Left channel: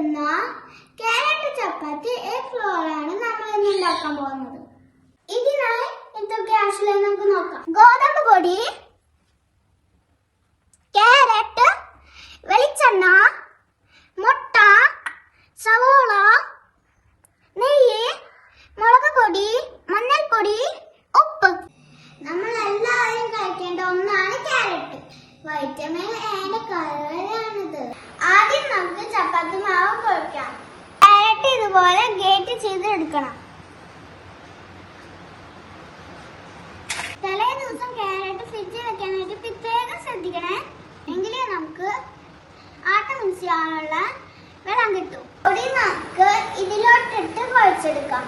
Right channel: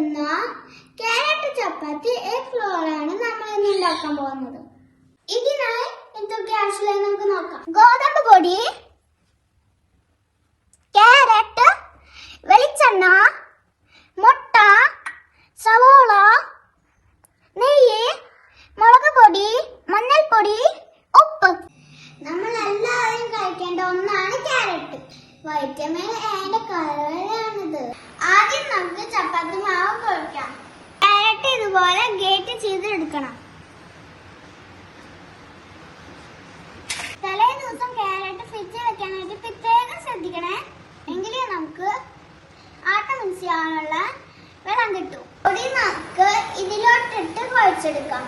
കിട്ടുന്ന ക്യാരറ്റ് ചപ്പാത്തി എഗ് റോളാണ് നമ്മൾ ഇന്ന് ഉണ്ടാക്കാൻ പോകുന്നത്. ഇതിനായി എന്തൊക്കെ ആവശ്യമുള്ളത് നമുക്ക് നോക്കാം. ഗോതമ്പ് പൊടി, ക്യാരറ്റ്, വെളിച്ചെണ്ണ, മുട്ട, സവോള, നെയ്യ്, മുളക് പൊടി, മഞ്ഞൾപ്പൊടി, ഉപ്പ്. നമ്മൾ എല്ലാവരും കഴിക്കേണ്ട ഒന്നാണ് ക്യാരറ്റ്. വൈറ്റമിൻ എയുടെ കളറാണിത്. ആദ്യം നമുക്ക് ചപ്പാത്തി മാവ് കുഴക്കാം. ക്യാരറ്റ് ഇതുപോലെ ഗ്രേറ്റ് ചെയ്ത് എടുക്കണം. തലേ ദിവസം ക്യാരറ്റ് ഫ്രിഡ്ജിൽ വെക്കാനായിട്ട് പ്രത്യേകം ശ്രദ്ധിക്കണേ. എങ്കിലേ നമുക്ക് ആട്ട മിക്സ് ചെയ്യാനുള്ള വെള്ളം കിട്ടും. പൊടി നമുക്ക് ഇതിലോട്ടിട്ട് കുഴച്ചെടുക്കാം.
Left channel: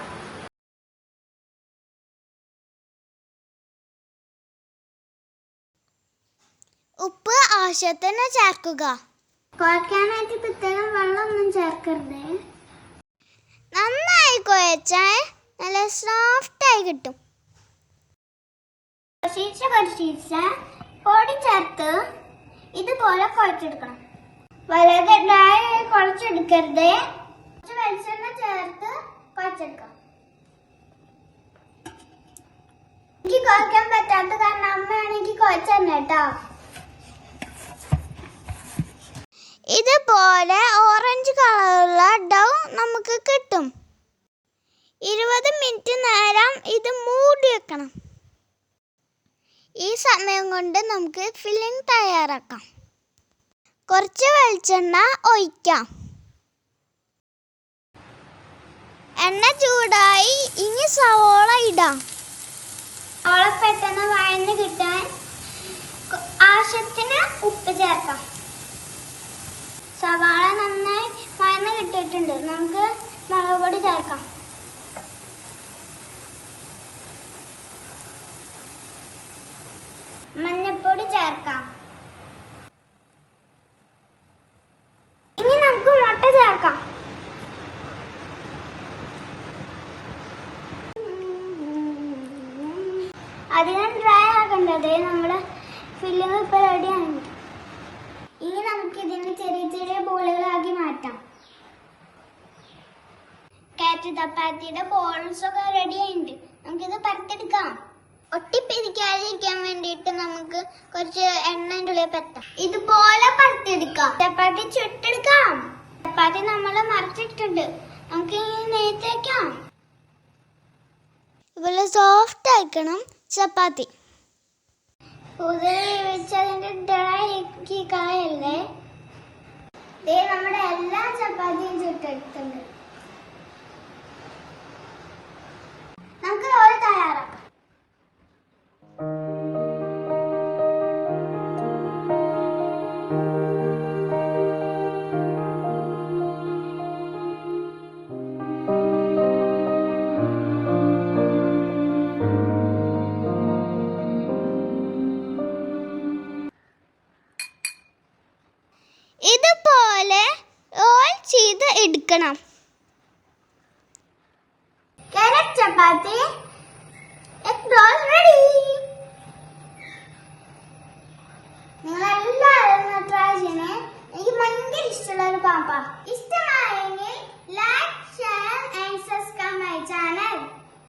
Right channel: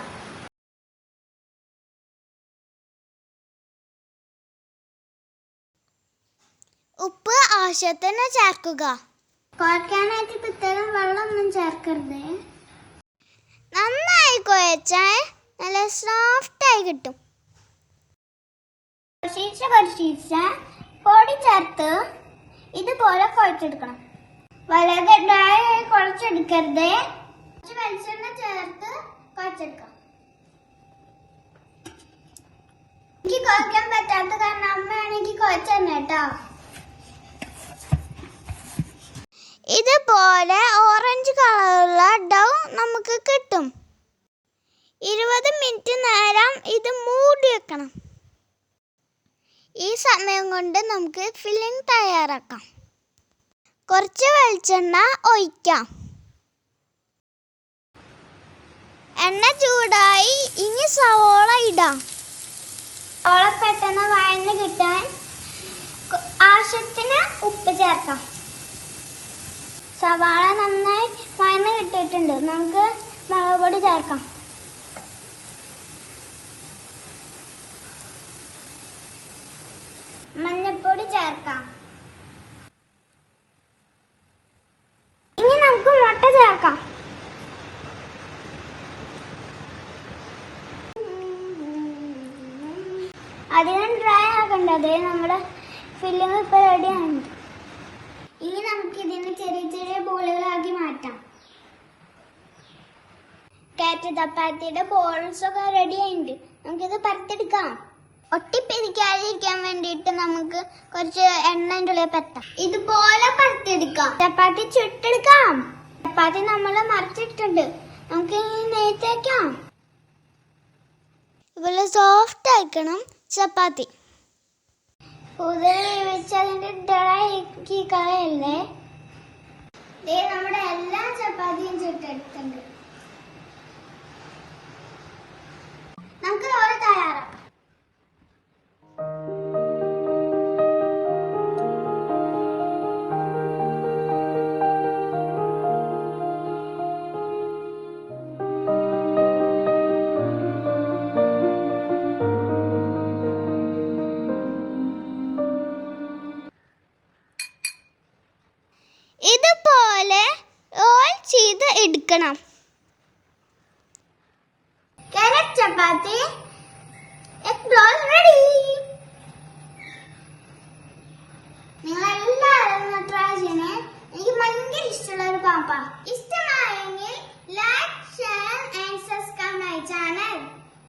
ഉപ്പ് ആവശ്യത്തിന് ചേർക്കുക. കുഴക്കാനായിട്ട് പ്രത്യേകം വെള്ളമൊന്നും ചേർക്കരുത്. നന്നായി കുഴച്ചാൽ നല്ല സോഫ്റ്റായി കിട്ടും. കുറച്ച് പൊടി ചേർത്ത് ഇതുപോലെ കുഴച്ചെടുക്കണം. വളരെ ഡ്രൈ ആയി കുഴച്ചെടുക്കരുത്. കുറച്ച് വെളിച്ചെണ്ണ ചേർത്ത് കുഴച്ചെടുക്കാം. എനിക്ക് കുഴക്കാൻ പറ്റാത്ത കാരണം അമ്മയാണെങ്കിൽ കുഴച്ചെണ്ണ കേട്ടോ. ഇതുപോലെ ഓറഞ്ച് കളറുള്ള ഡൗ നമുക്ക് കിട്ടും. 20 മിനിറ്റ് നേരം ഇത് മൂടി വെക്കണം. ഈ സമയം കൊണ്ട് നമുക്ക് ഫില്ലിംഗ് തയ്യാറാക്കാം. കുറച്ച് വെളിച്ചെണ്ണ ഒഴിക്കാം. എണ്ണ ചൂടായി ഇനി സവോള ഇടാം. സവോള പെട്ടെന്ന് വഴന്ന് കിട്ടാൻ ആവശ്യത്തിന് ഉപ്പ് ചേർക്കാം. സവാള നന്നായി വഴന്ന് കിട്ടിയിട്ടുണ്ട്. നമുക്ക് മുളക് പൊടി ചേർക്കാം. മഞ്ഞൾപ്പൊടി ചേർക്കാം. ഇനി നമുക്ക് മുട്ട ചേർക്കാം. അധികം ഡ്രൈ ആക്കേണ്ടത്. നമ്മുടെ ഫില്ലിംഗ് ഇപ്പൊ റെഡിയാണ്. ഇനി നമുക്ക് ഇതിന് ചെറിയ ചെറിയ ബോളുകളാക്കി മാറ്റാം. ക്യാരറ്റ് ചപ്പാത്തിയുടെ ബോൾസ് ഒക്കെ റെഡി ആയിട്ടുണ്ട്. നമുക്കിത് പരത്തെടുക്കാം. ഒട്ടിപ്പിരിക്കാതിരിക്കാൻ വേണ്ടിയിട്ട് നമുക്ക് കുറച്ച് എണ്ണൻ്റെ ഉള്ളിൽ പരത്താം. ഇതുപോലെ പരത്തിയെടുക്കാം. ചപ്പാത്തി ചുട്ടെടുക്കാം. ചപ്പാത്തി നമ്മൾ മറിച്ചിട്ടുണ്ട്. നമുക്ക് നെയ്ത്ത് വെക്കാം. ഇതുപോലെ സോഫ്റ്റ് ആക്കണം ചപ്പാത്തി. കളയല്ലേ. നമ്മുടെ എല്ലാ ചപ്പാത്തിയും ചുട്ടെടുക്കുന്നുണ്ട്. നമുക്ക് റോള് തയ്യാറാക്കാം. ഇതുപോലെ റോൾ ചെയ്ത് എടുക്കണം. ക്യാരറ്റ് ചപ്പാത്തി എഗ് റോൾ റെഡി. നിങ്ങൾ എല്ലാവരും ട്രൈ ചെയ്യണേ. എനിക്ക് ഭയങ്കര ഇഷ്ടമുള്ള ഒരു പാപ്പ. ഇഷ്ടമായെങ്കിൽ like, share and subscribe my channel.